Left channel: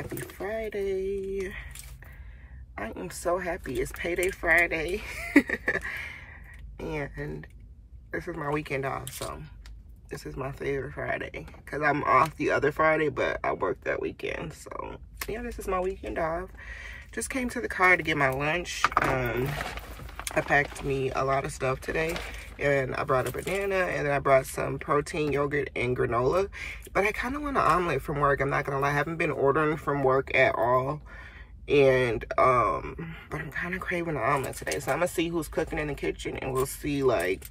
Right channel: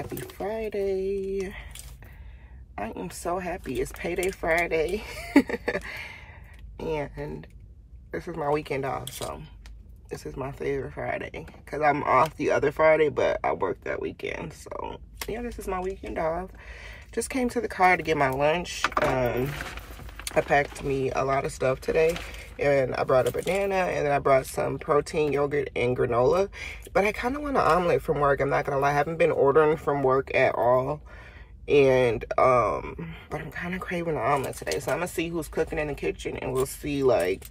Happy Friday. I am so happy. It's payday Friday. And this is my weekend off, so this is my favorite Friday because I'm off the other Friday, but I work that weekend. So yeah, this is my weekend off. Just came to the car to get my lunch. I packed me a lot of stuff today, and I brought a banana, and then I brought some protein yogurt and granola. But I kind of want an omelet from work. I'm not gonna lie, I haven't been ordering from work at all. And but I'm kind of craving an omelet today, so I'm gonna see who's cooking in the kitchen, and we'll see, like,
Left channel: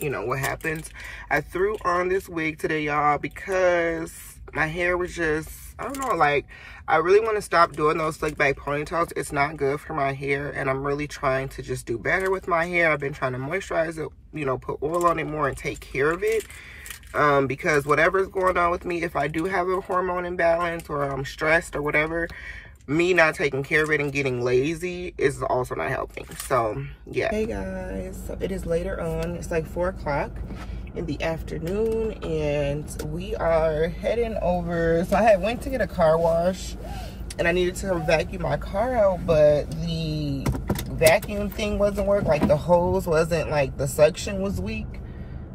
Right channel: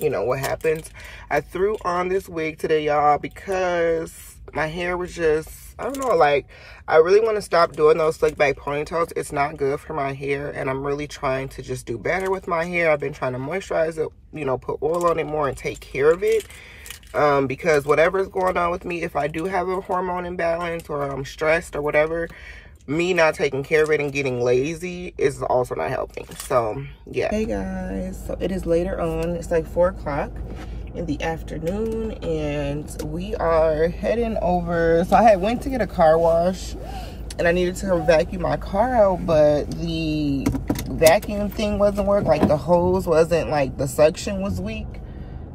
you know, what happens. I threw on this wig today, y'all, because my hair was just, I don't know, like, I really want to stop doing those slick back ponytails. It's not good for my hair, and I'm really trying to just do better with my hair. I've been trying to moisturize it, you know, put oil on it more and take care of it. Because whatever's going on with me, if I do have a hormone imbalance or I'm stressed or whatever, me not taking care of it and getting lazy is also not helping. So yeah. Hey guys, so it is later on. It's like 4 o'clock in the afternoon, and we are heading over. So I went to get a car wash, and I needed to vacuum my car out, but the vacuum thing wasn't working. Like, the hose wasn't, like, the suction was weak.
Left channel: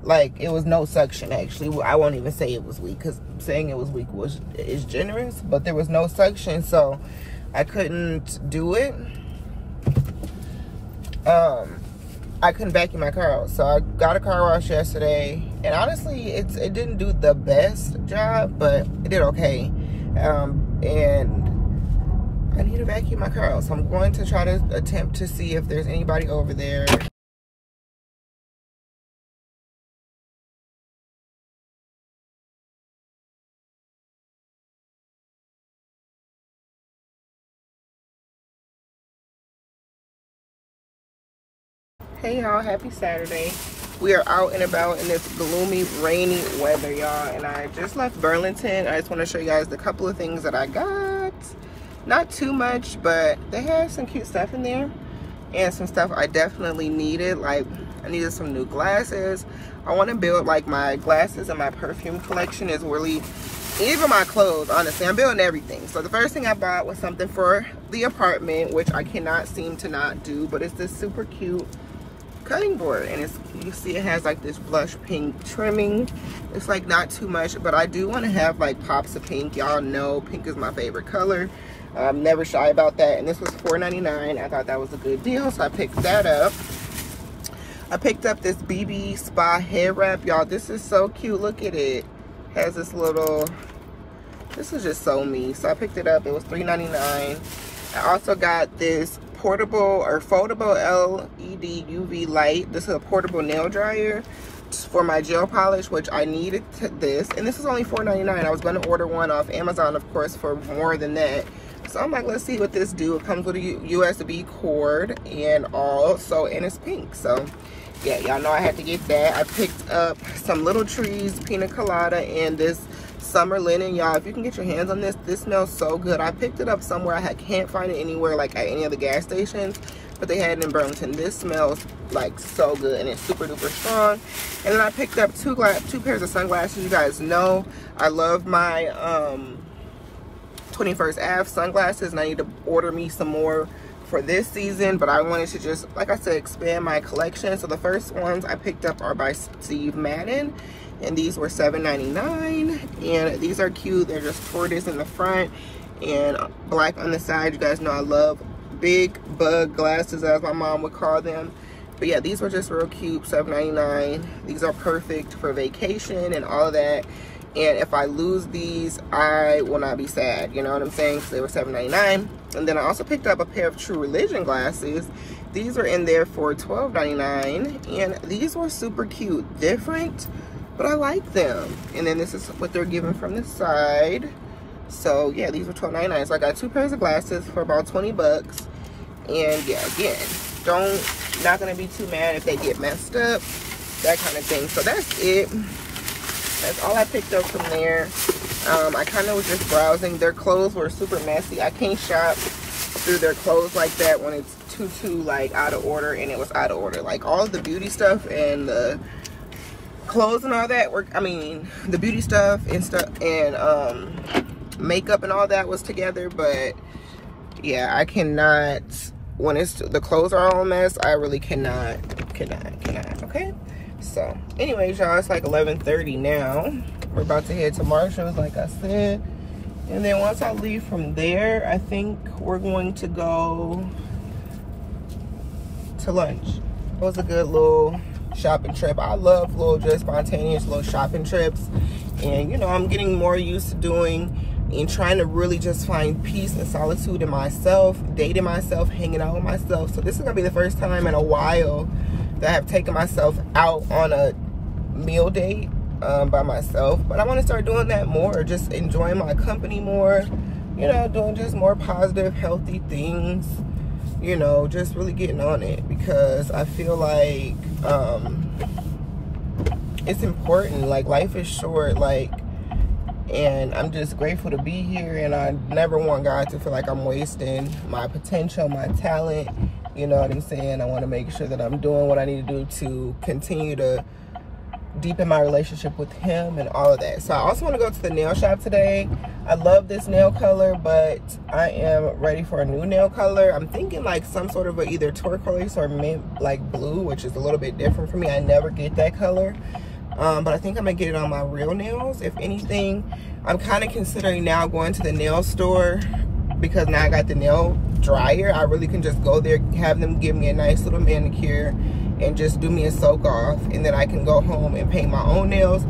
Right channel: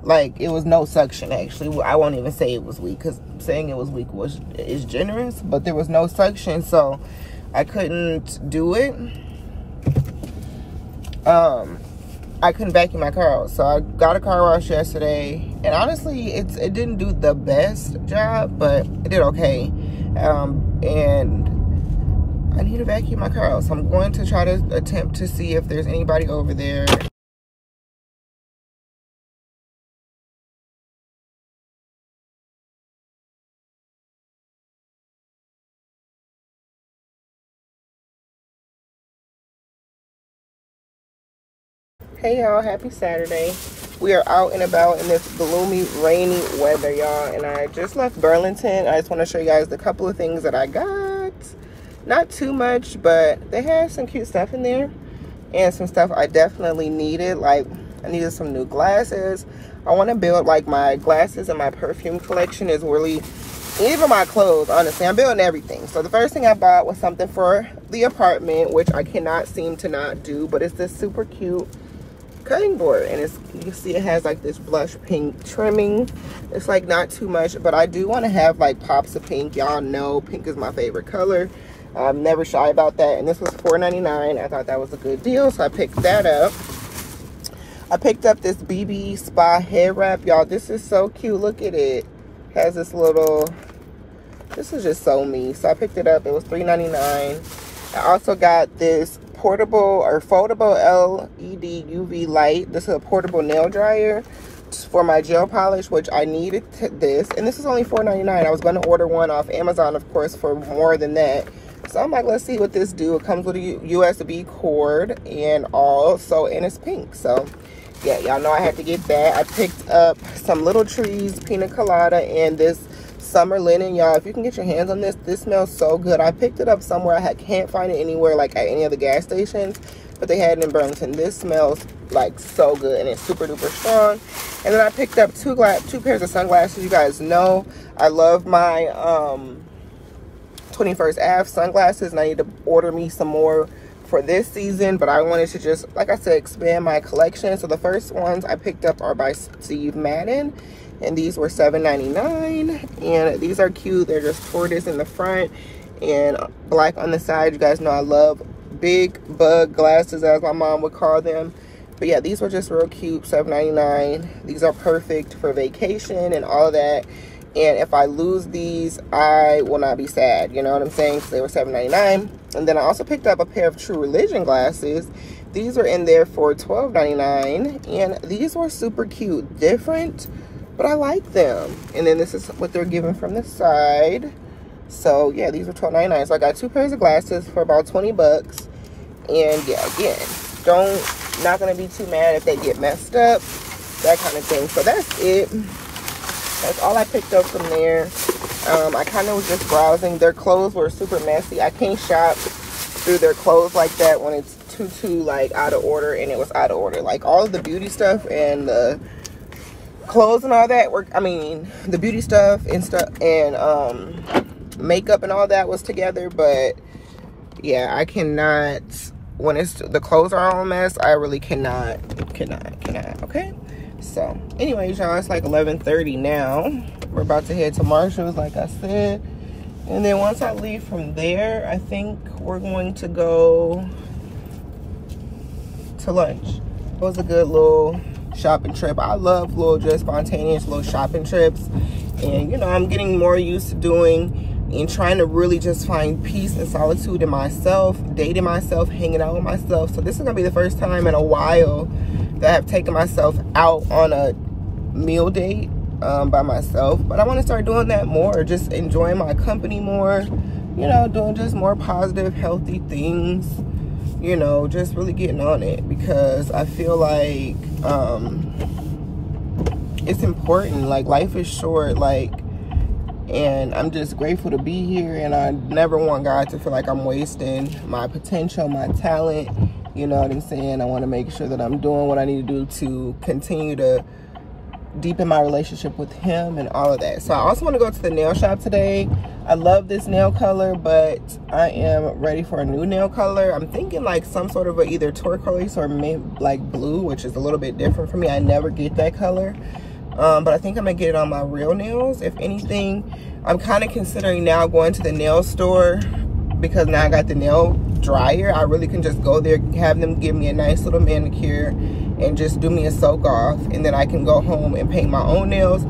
Like, it was no suction, actually. Well, I won't even say it was weak, because saying it was weak is generous, but there was no suction, so I couldn't do it. I couldn't vacuum my car out, so I got a car wash yesterday, and honestly, it didn't do the best job, but it did okay. And I need to vacuum my car out, so I'm going to try to attempt to see if there's anybody over there. Hey y'all, happy Saturday. We are out and about in this gloomy, rainy weather, y'all, and I just left Burlington. I just want to show you guys the couple of things that I got. Not too much, but they had some cute stuff in there and some stuff I definitely needed. Like, I needed some new glasses. I want to build, like, my glasses and my perfume collection is really, even my clothes, honestly. I'm building everything. So the first thing I bought was something for the apartment, which I cannot seem to not do, but it's this super cute cutting board, and it's, you can see it has like this blush pink trimming. It's like not too much, but I do want to have like pops of pink. Y'all know pink is my favorite color. I'm never shy about that, and this was $4.99. I thought that was a good deal, so I picked that up. I picked up this BB Spa hair wrap, y'all. This is so cute. Look at it. Has this little, this is just so me, so I picked it up. It was $3.99. I also got this portable or foldable LED UV light. This is a portable nail dryer for my gel polish, which I needed this, and this is only $4.99. I was going to order one off Amazon, of course, for more than that. So I'm like, let's see what this do. It comes with a USB cord and all, so, and it's pink. So yeah, y'all know I had to get that. I picked up some Little Trees pina colada and this summer linen, y'all. If you can get your hands on this, this smells so good. I picked it up somewhere. I can't find it anywhere, like at any of the gas stations, but they had it in Burlington. This smells like so good, and it's super duper strong. And then I picked up two pairs of sunglasses. You guys know I love my 21st Ave sunglasses, and I need to order me some more for this season, but I wanted to just, like I said, expand my collection. So the first ones I picked up are by Steve Madden, and these were $7.99, and these are cute. They're just tortoise in the front and black on the side. You guys know I love big bug glasses, as my mom would call them. But yeah, these were just real cute, $7.99. These are perfect for vacation and all that. And if I lose these, I will not be sad, you know what I'm saying? So they were $7.99. And then I also picked up a pair of True Religion glasses. These were in there for $12.99, and these were super cute, different, but I like them. And then this is what they're giving from the side. So yeah, these were $12.99. So I got 2 pairs of glasses for about 20 bucks. And yeah, again, not gonna be too mad if they get messed up, that kind of thing. So that's it. That's all I picked up from there. I kind of was just browsing. Their clothes were super messy. I can't shop through their clothes like that when it's too like out of order, and it was out of order. Like all of the beauty stuff and the clothes and all that were, I mean, the beauty stuff and makeup and all that was together, but yeah, I cannot, when it's the clothes are all a mess, I really cannot, okay? So anyways, y'all, it's like 11:30 now. We're about to head to Marshall's, like I said. And then once I leave from there, I think we're going to go to lunch. It was a good little shopping trip. I love little, just spontaneous little shopping trips. And, you know, I'm getting more used to doing and trying to really just find peace and solitude in myself, dating myself, hanging out with myself. So this is going to be the first time in a while that I've taken myself out on a meal date by myself. But I want to start doing that more, just enjoying my company more, you know, doing just more positive, healthy things, you know, just really getting on it, because I feel like it's important. Like, life is short, like, and I'm just grateful to be here, and I never want God to feel like I'm wasting my potential, my talent, you know what I'm saying? I want to make sure that I'm doing what I need to do to continue to deepen my relationship with him and all of that. So I also want to go to the nail shop today. I love this nail color, but I am ready for a new nail color. I'm thinking like some sort of either turquoise or mint, like blue, which is a little bit different for me. I never get that color. But I think I'm gonna get it on my real nails. If anything, I'm kind of considering now going to the nail store, because now I got the nail dryer. I really can just go there, have them give me a nice little manicure and just do me a soak off, and then I can go home and paint my own nails.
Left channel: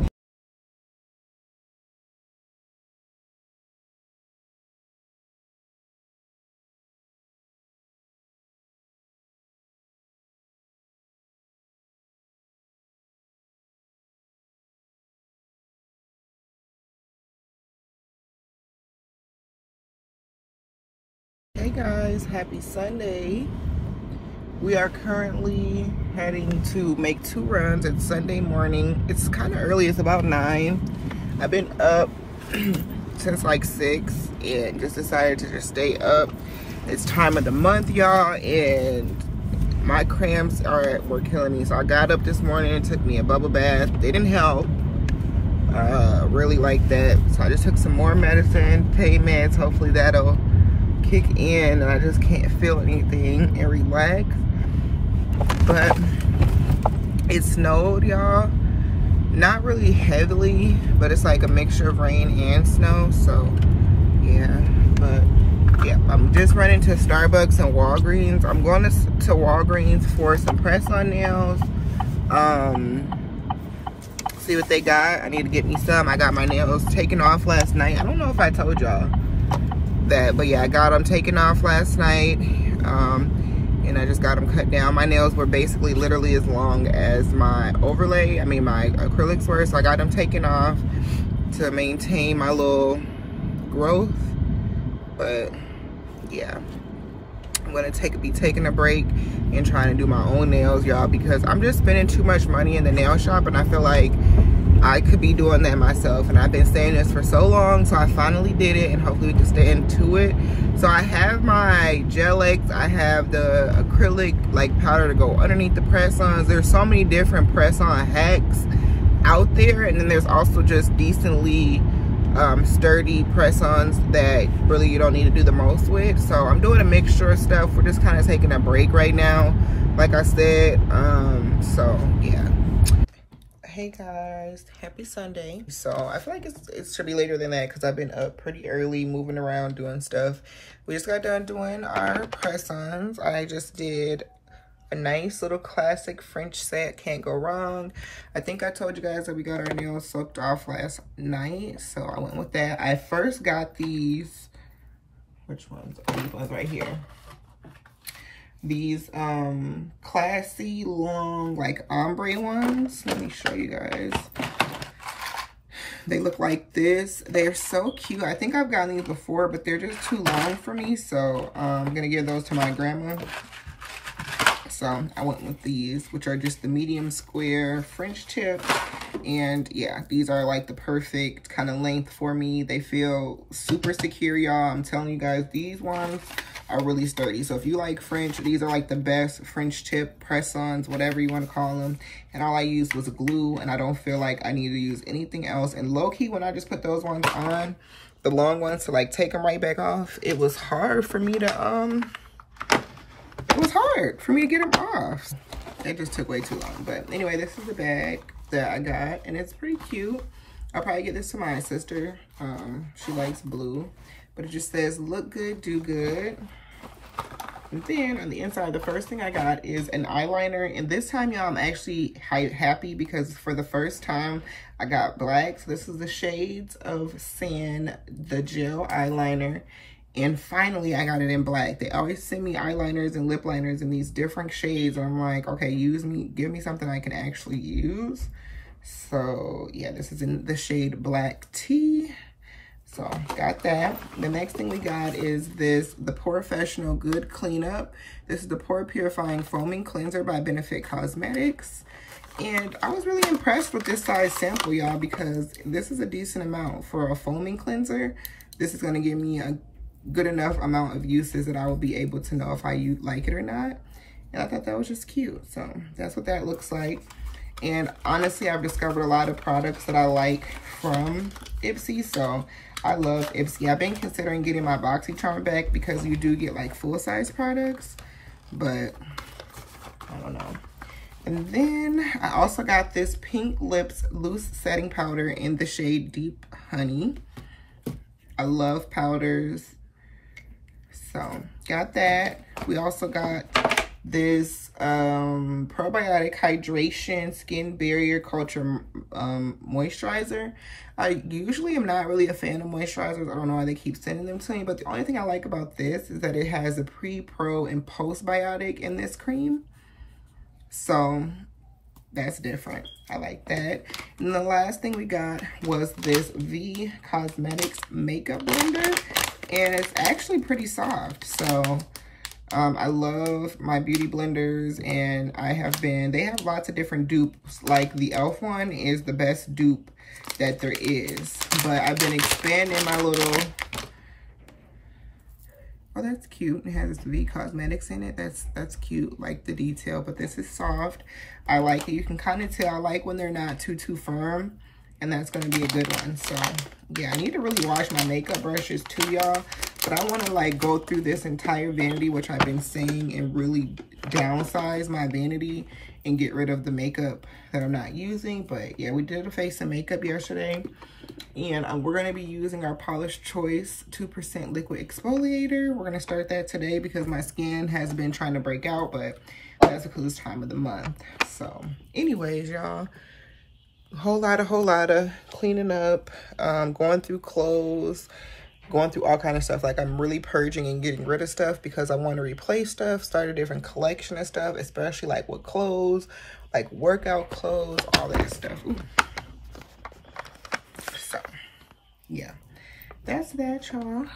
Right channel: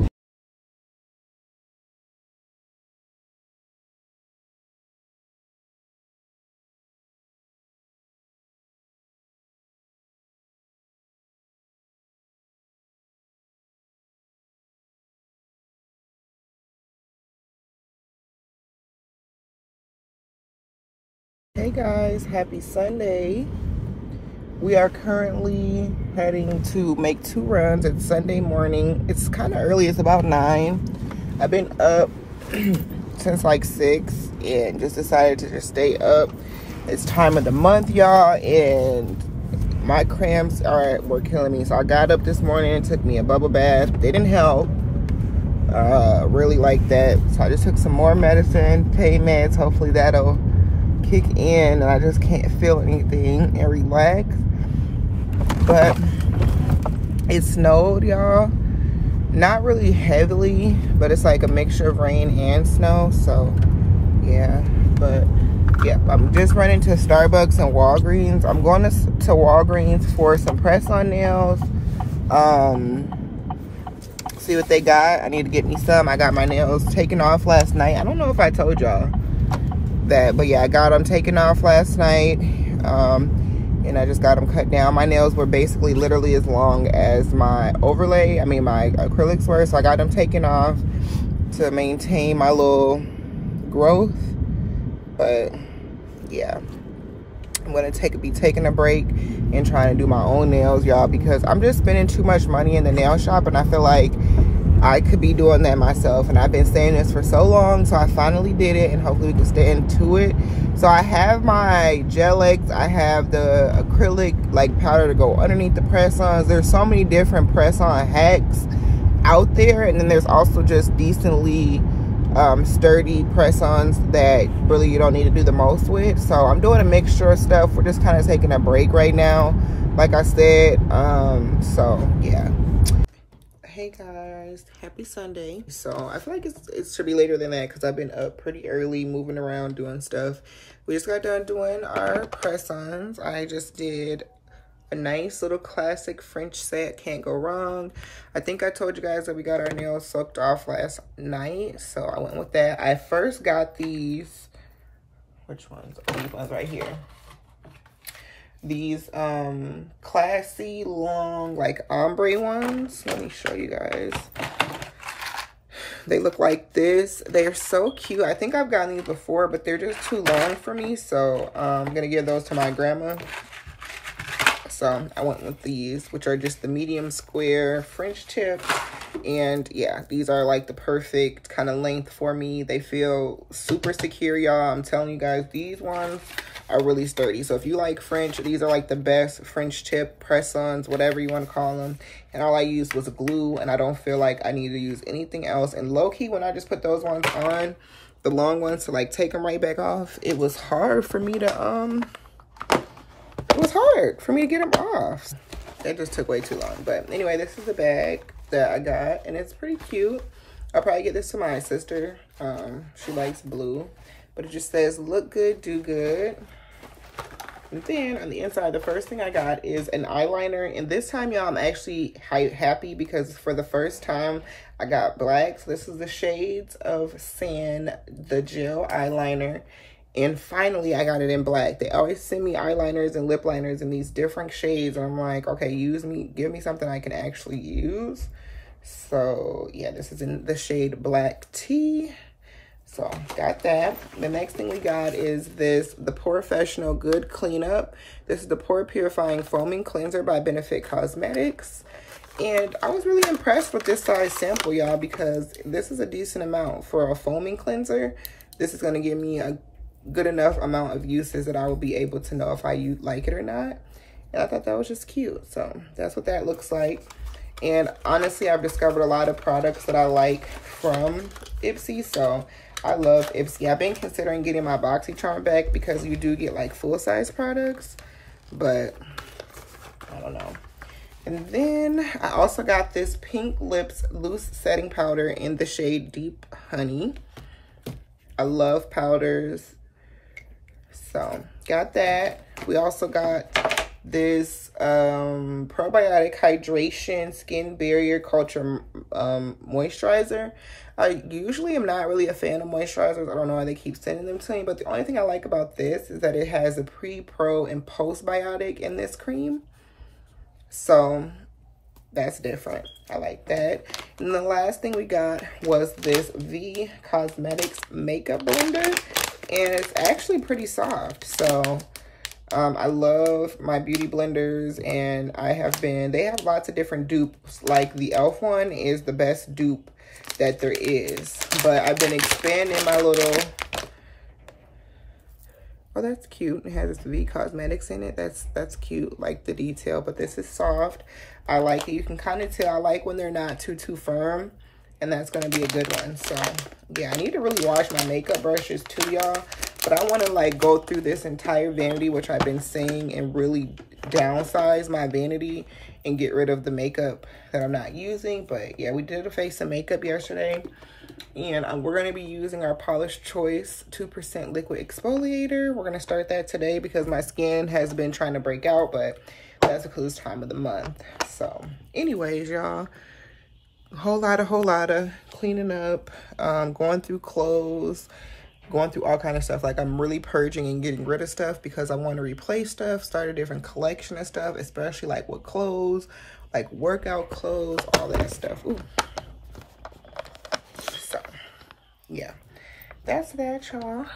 Hey guys, happy Sunday. We are currently heading to make 2 runs. It's Sunday morning. It's kind of early, it's about 9. I've been up since like 6 and just decided to just stay up. It's time of the month, y'all, and my cramps were killing me. So I got up this morning and took me a bubble bath. They didn't help really like that. So I just took some more medicine, pain meds. Hopefully that'll kick in and I just can't feel anything and relax. But it snowed, y'all. Not really heavily, but it's like a mixture of rain and snow. So yeah, but yeah, I'm just running to Starbucks and Walgreens. I'm going to Walgreens for some press-on nails. See what they got. I need to get me some. I got my nails taken off last night. I don't know if I told y'all that, but yeah, I got them taken off last night. And I just got them cut down. My nails were basically literally as long as my overlay, my acrylics were. So I got them taken off to maintain my little growth. But yeah, I'm gonna be taking a break and trying to do my own nails, y'all, because I'm just spending too much money in the nail shop, and I feel like I could be doing that myself. And I've been saying this for so long, so I finally did it, and hopefully we can stay into it. So I have my gel X, I have the acrylic like powder to go underneath the press-ons. There's so many different press-on hacks out there, and then there's also just decently sturdy press-ons that really you don't need to do the most with. So I'm doing a mixture of stuff. We're just kind of taking a break right now, like I said. So yeah. Hey guys, happy Sunday. So I feel like it should be later than that because I've been up pretty early, moving around, doing stuff. We just got done doing our press-ons. I just did a nice little classic French set, can't go wrong. I think I told you guys that we got our nails soaked off last night, so I went with that. I first got these, which ones? Oh, these ones right here. These classy long like ombre ones. Let me show you guys. They look like this. They're so cute. I think I've gotten these before, but they're just too long for me, so I'm gonna give those to my grandma. So I went with these, which are just the medium square French tip. And yeah, these are like the perfect kind of length for me. They feel super secure, y'all. I'm telling you guys, these ones are really sturdy. So if you like French, these are like the best French tip press-ons, whatever you want to call them. And all I used was glue, and I don't feel like I need to use anything else. And low-key, when I just put those ones on, the long ones to like take them right back off, it was hard for me to get them off. That just took way too long. But anyway, this is the bag that I got, and it's pretty cute. I'll probably get this to my sister. She likes blue, but it just says look good, do good. And then on the inside, the first thing I got is an eyeliner. And this time, y'all, I'm actually happy because for the first time, I got black. So this is the shades of Sand, the gel eyeliner. And finally, I got it in black. They always send me eyeliners and lip liners in these different shades. And I'm like, okay, give me something I can actually use. So yeah, this is in the shade Black Tea. So got that. The next thing we got is the Professional Good Cleanup. This is the Pore Purifying Foaming Cleanser by Benefit Cosmetics. And I was really impressed with this size sample, y'all, because this is a decent amount for a foaming cleanser. This is gonna give me a good enough amount of uses that I will be able to know if I like it or not. And I thought that was just cute. So that's what that looks like. And honestly, I've discovered a lot of products that I like from Ipsy. So I love Ipsy. I've been considering getting my BoxyCharm back because you do get like full-size products, but I don't know. And then I also got this Pink Lips Loose Setting Powder in the shade Deep Honey. I love powders, so got that. We also got this probiotic hydration skin barrier culture moisturizer. I usually am not really a fan of moisturizers. I don't know why they keep sending them to me, but the only thing I like about this is that it has a pre, pro, and postbiotic in this cream. So that's different. I like that. And the last thing we got was this V Cosmetics makeup blender, and it's actually pretty soft. So I love my beauty blenders, and they have lots of different dupes. Like the e.l.f. one is the best dupe that there is, but I've been expanding my little, oh, that's cute. It has this V Cosmetics in it. That's cute, like the detail, but this is soft. I like it. You can kind of tell I like when they're not too firm, and that's gonna be a good one. So yeah, I need to really wash my makeup brushes too, y'all. But I want to like go through this entire vanity, which I've been saying, and really downsize my vanity and get rid of the makeup that I'm not using. But yeah, we did a face and makeup yesterday, and we're going to be using our Polish Choice 2% liquid exfoliator. We're going to start that today because my skin has been trying to break out, but that's the coolest time of the month. So anyways, y'all, whole lot of cleaning up, going through clothes, going through all kind of stuff. Like, I'm really purging and getting rid of stuff because I want to replace stuff, start a different collection of stuff, especially like with clothes, like workout clothes, all that stuff. Ooh. So yeah, that's that, y'all.